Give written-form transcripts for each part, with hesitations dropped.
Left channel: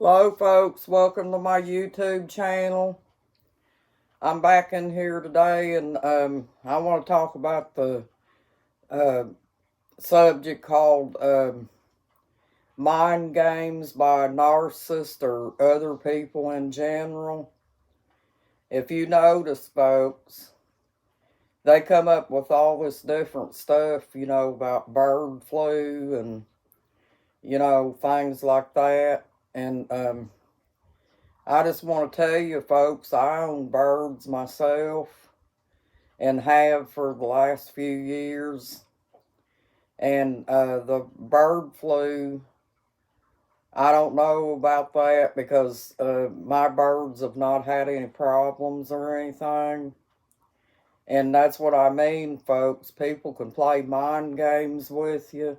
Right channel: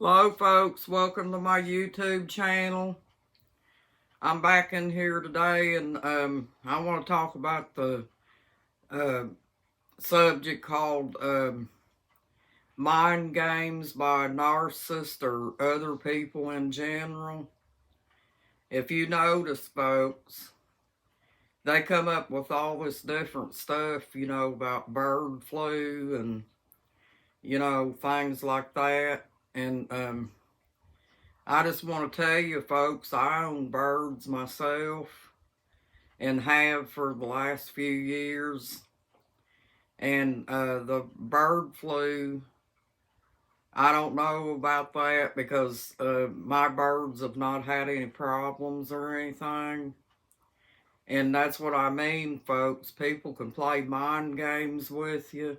Hello folks, welcome to my YouTube channel. I'm back in here today and I want to talk about the uh, subject called mind games by narcissists or other people in general. If you notice, folks, they come up with all this different stuff, about bird flu and, things like that. And I just want to tell you, folks, I own birds myself and have for the last few years. And the bird flu, I don't know about that because my birds have not had any problems or anything. And that's what I mean, folks. People can play mind games with you.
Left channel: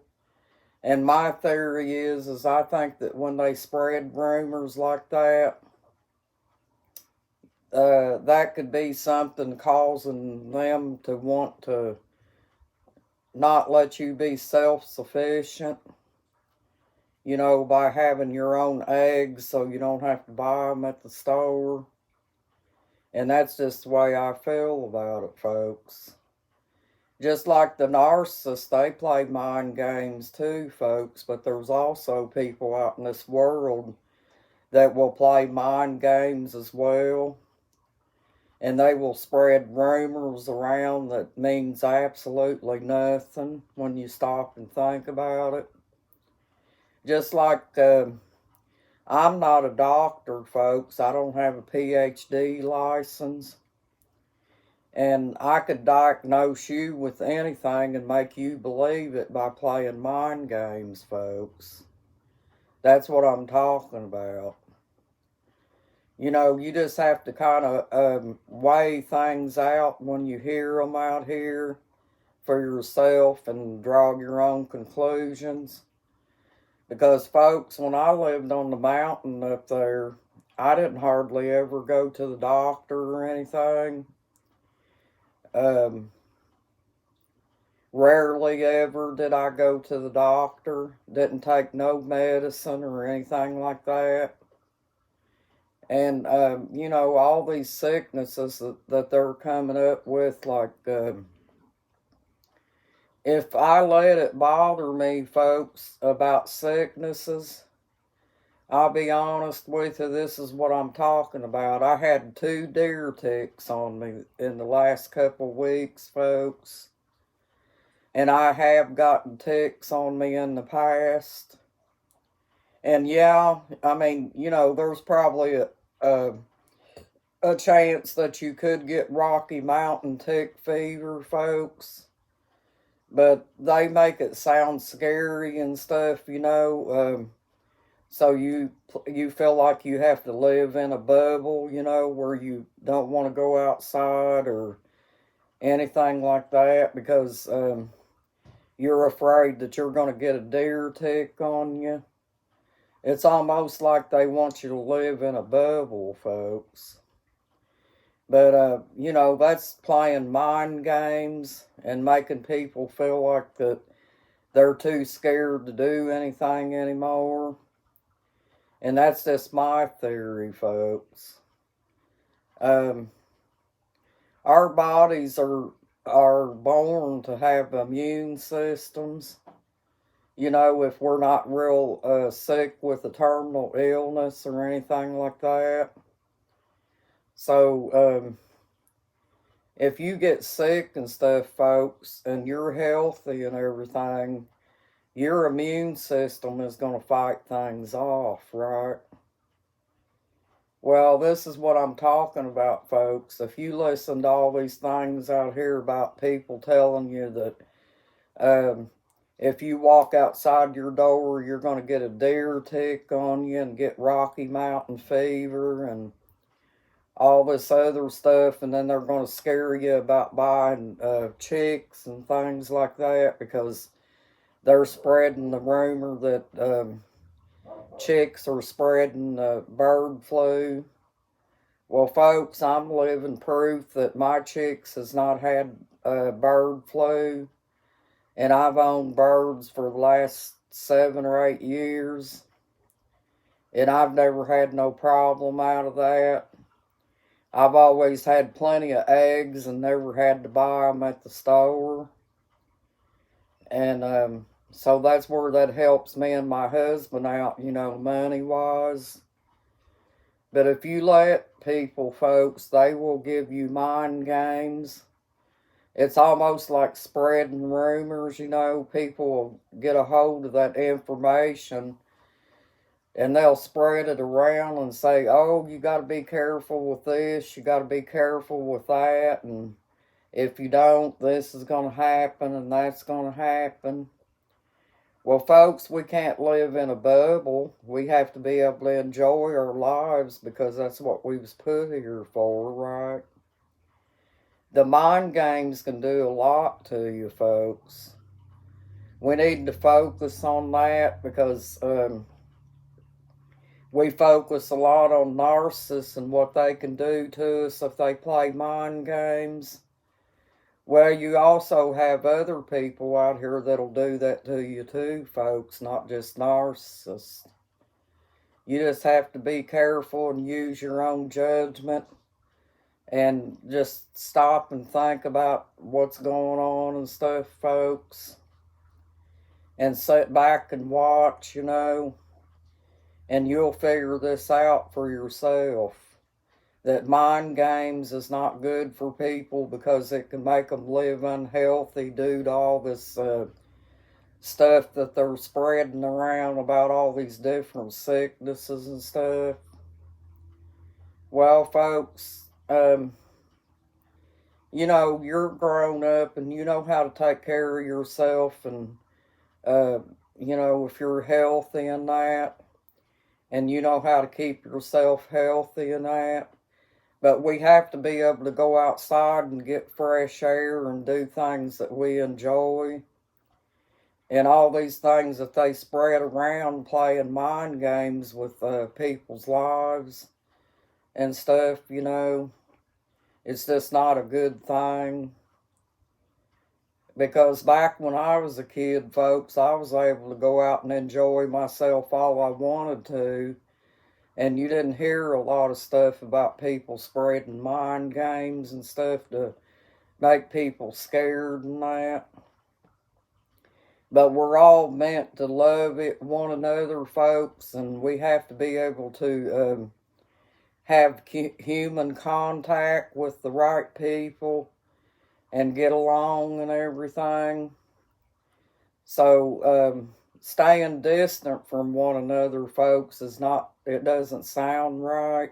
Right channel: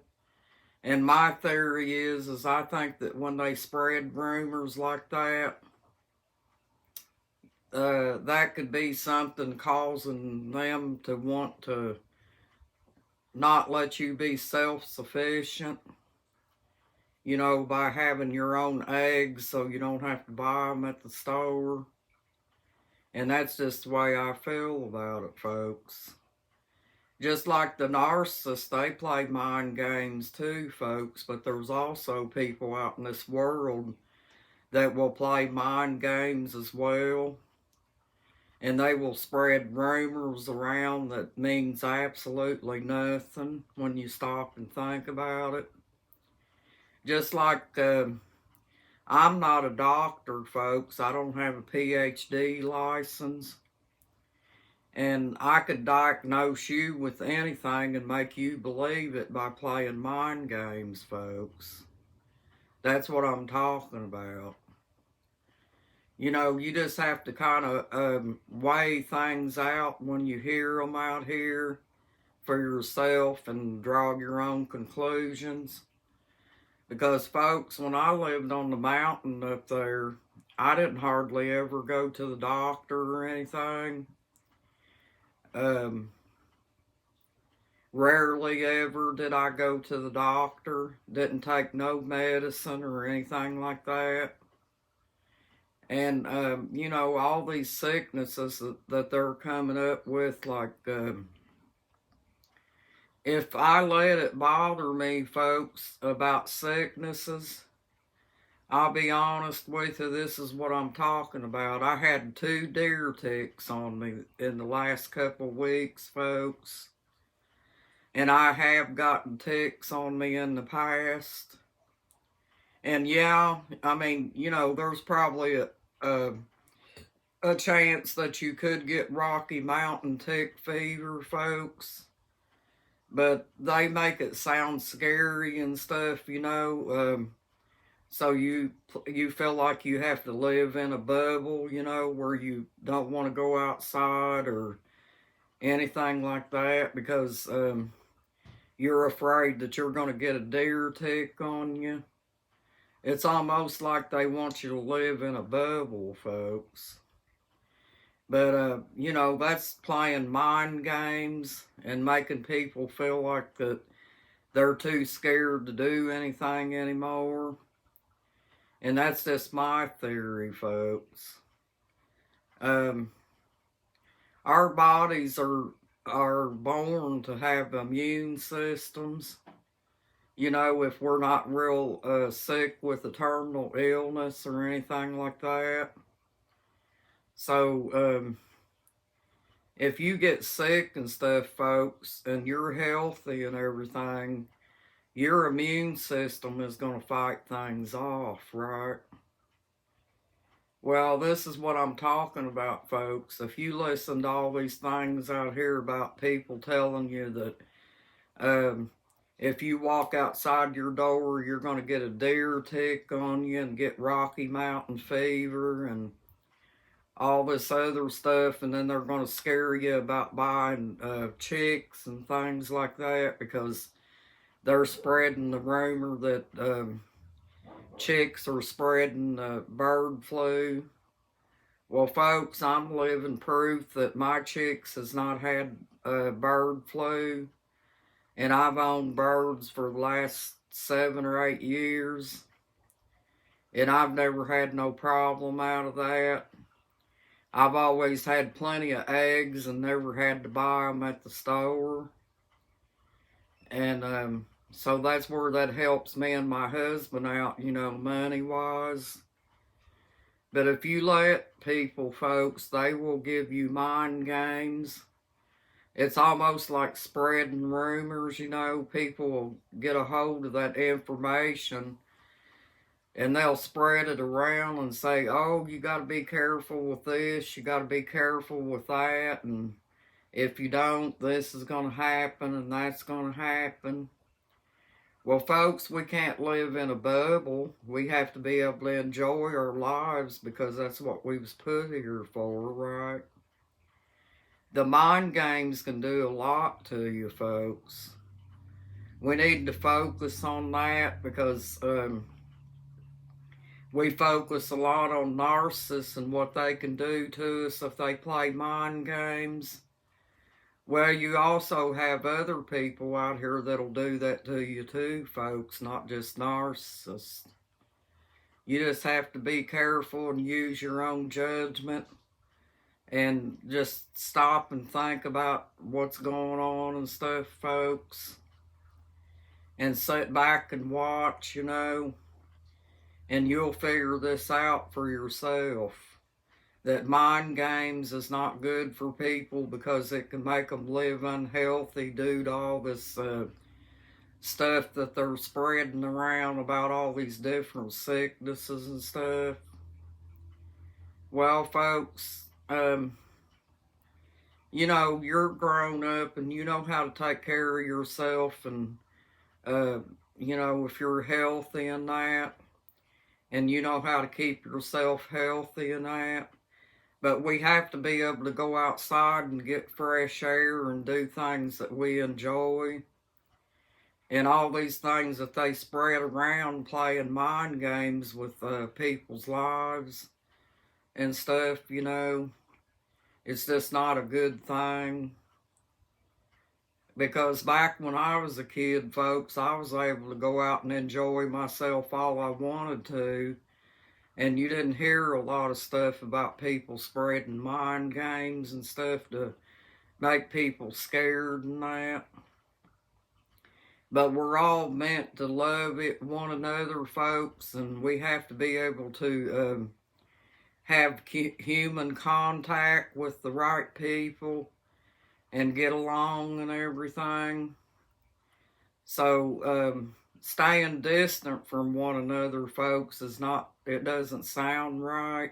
And my theory is I think that when they spread rumors like that, that could be something causing them to want to not let you be self-sufficient, by having your own eggs so you don't have to buy them at the store. And that's just the way I feel about it, folks. Just like the narcissists, they play mind games too, folks, but there's also people out in this world that will play mind games as well. And they will spread rumors around that means absolutely nothing when you stop and think about it. Just like I'm not a doctor, folks. I don't have a PhD license. And I could diagnose you with anything and make you believe it by playing mind games, folks. That's what I'm talking about. You just have to kind of weigh things out when you hear them out here for yourself and draw your own conclusions. Because, folks, when I lived on the mountain up there, I didn't hardly ever go to the doctor or anything. Rarely ever did I go to the doctor. Didn't take no medicine or anything like that. And, all these sicknesses that they're coming up with, like, if I let it bother me, folks, about sicknesses, I'll be honest with you, this is what I'm talking about. I had 2 deer ticks on me in the last couple of weeks, folks. And I have gotten ticks on me in the past. And yeah, I mean, there's probably a chance that you could get Rocky Mountain tick fever, folks. But they make it sound scary and stuff, so you feel like you have to live in a bubble, where you don't want to go outside or anything like that because you're afraid that you're going to get a deer tick on you. It's almost like they want you to live in a bubble, folks. But, that's playing mind games and making people feel like that they're too scared to do anything anymore. And that's just my theory, folks. Our bodies are born to have immune systems. If we're not real sick with a terminal illness or anything like that. So, if you get sick and stuff, folks, and you're healthy and everything, your immune system is going to fight things off, right? Well, this is what I'm talking about, folks. If you listen to all these things out here about people telling you that if you walk outside your door, you're going to get a deer tick on you and get Rocky Mountain fever and all this other stuff, and then they're going to scare you about buying chicks and things like that because they're spreading the rumor that chicks are spreading bird flu. Well, folks, I'm living proof that my chicks has not had bird flu, and I've owned birds for the last 7 or 8 years. And I've never had no problem out of that. I've always had plenty of eggs and never had to buy them at the store. And so that's where that helps me and my husband out, money-wise. But if you let people, folks, they will give you mind games. It's almost like spreading rumors, People will get a hold of that information and they'll spread it around and say, oh, you got to be careful with this, you got to be careful with that, and if you don't, this is going to happen and that's going to happen. Well, folks, we can't live in a bubble. We have to be able to enjoy our lives because that's what we was put here for, right? The mind games can do a lot to you, folks. We need to focus on that because we focus a lot on narcissists and what they can do to us if they play mind games. Well, you also have other people out here that'll do that to you too, folks, not just narcissists. You just have to be careful and use your own judgment and just stop and think about what's going on and stuff, folks. And sit back and watch, and you'll figure this out for yourself. That mind games is not good for people because it can make them live unhealthy due to all this stuff that they're spreading around about all these different sicknesses and stuff. Well, folks, you're grown up and you know how to take care of yourself and, if you're healthy and that, and you know how to keep yourself healthy and that. But we have to be able to go outside and get fresh air and do things that we enjoy. And all these things that they spread around playing mind games with people's lives and stuff, it's just not a good thing. Because back when I was a kid, folks, I was able to go out and enjoy myself all I wanted to. And you didn't hear a lot of stuff about people spreading mind games and stuff to make people scared and that. But we're all meant to love one another, folks, and we have to be able to have human contact with the right people and get along and everything. So staying distant from one another, folks, it doesn't sound right.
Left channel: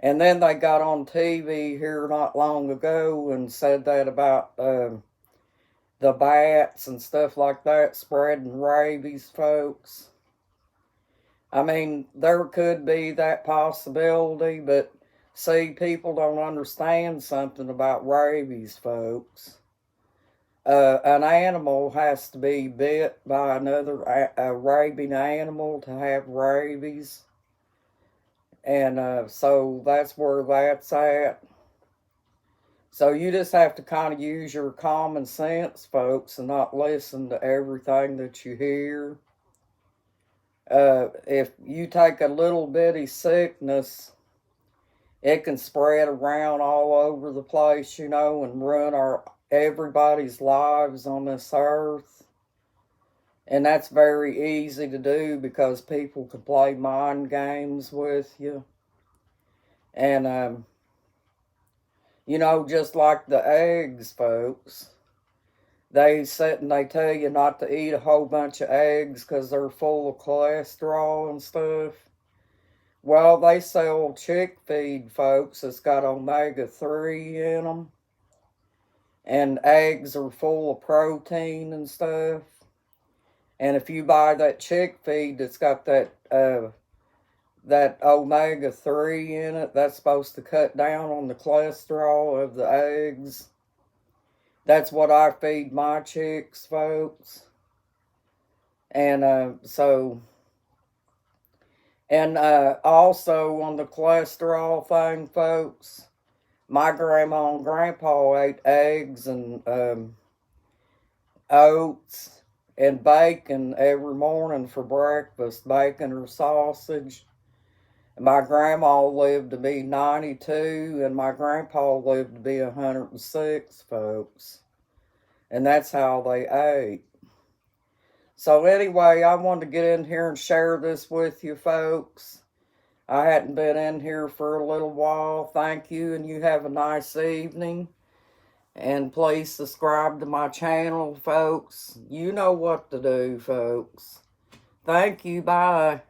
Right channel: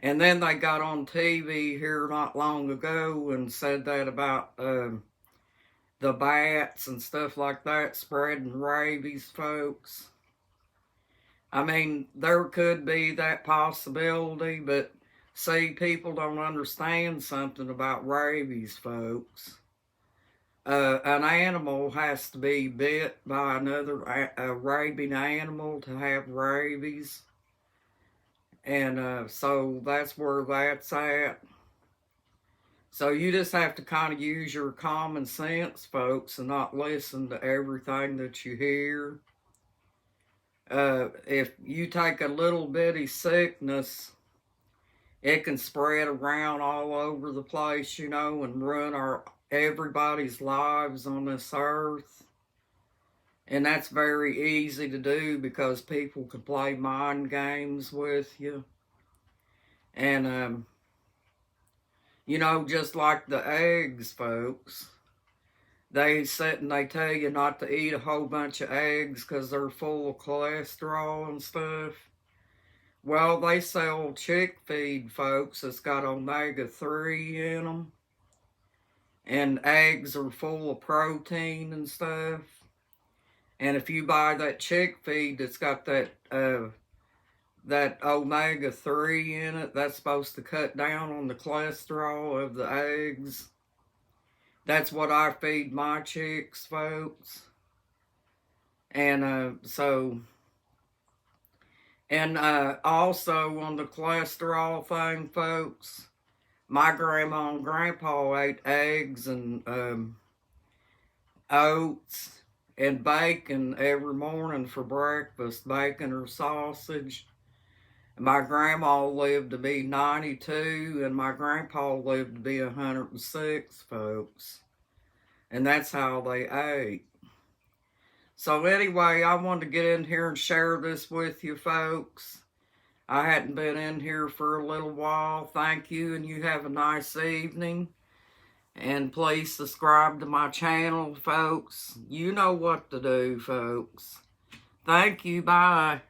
And then they got on TV here not long ago and said that about the bats and stuff like that spreading rabies, folks. I mean, there could be that possibility, but see, people don't understand something about rabies, folks. An animal has to be bit by another rabid animal to have rabies. And so that's where that's at. So you just have to kind of use your common sense, folks, and not listen to everything that you hear. If you take a little bitty sickness, it can spread around all over the place, and ruin everybody's lives on this earth. And that's very easy to do because people can play mind games with you. And, just like the eggs, folks, they sit and they tell you not to eat a whole bunch of eggs because they're full of cholesterol and stuff. Well, they sell chick feed, folks, that's got omega-3 in them. And eggs are full of protein and stuff. And if you buy that chick feed that's got that omega-3 in it, that's supposed to cut down on the cholesterol of the eggs. That's what I feed my chicks, folks. And also on the cholesterol thing, folks, my grandma and grandpa ate eggs and oats and bacon every morning for breakfast, bacon or sausage. My grandma lived to be 92, and my grandpa lived to be 106, folks. And that's how they ate. So anyway, I wanted to get in here and share this with you, folks. I hadn't been in here for a little while. Thank you, and you have a nice evening. And please subscribe to my channel, folks. You know what to do, folks. Thank you. Bye.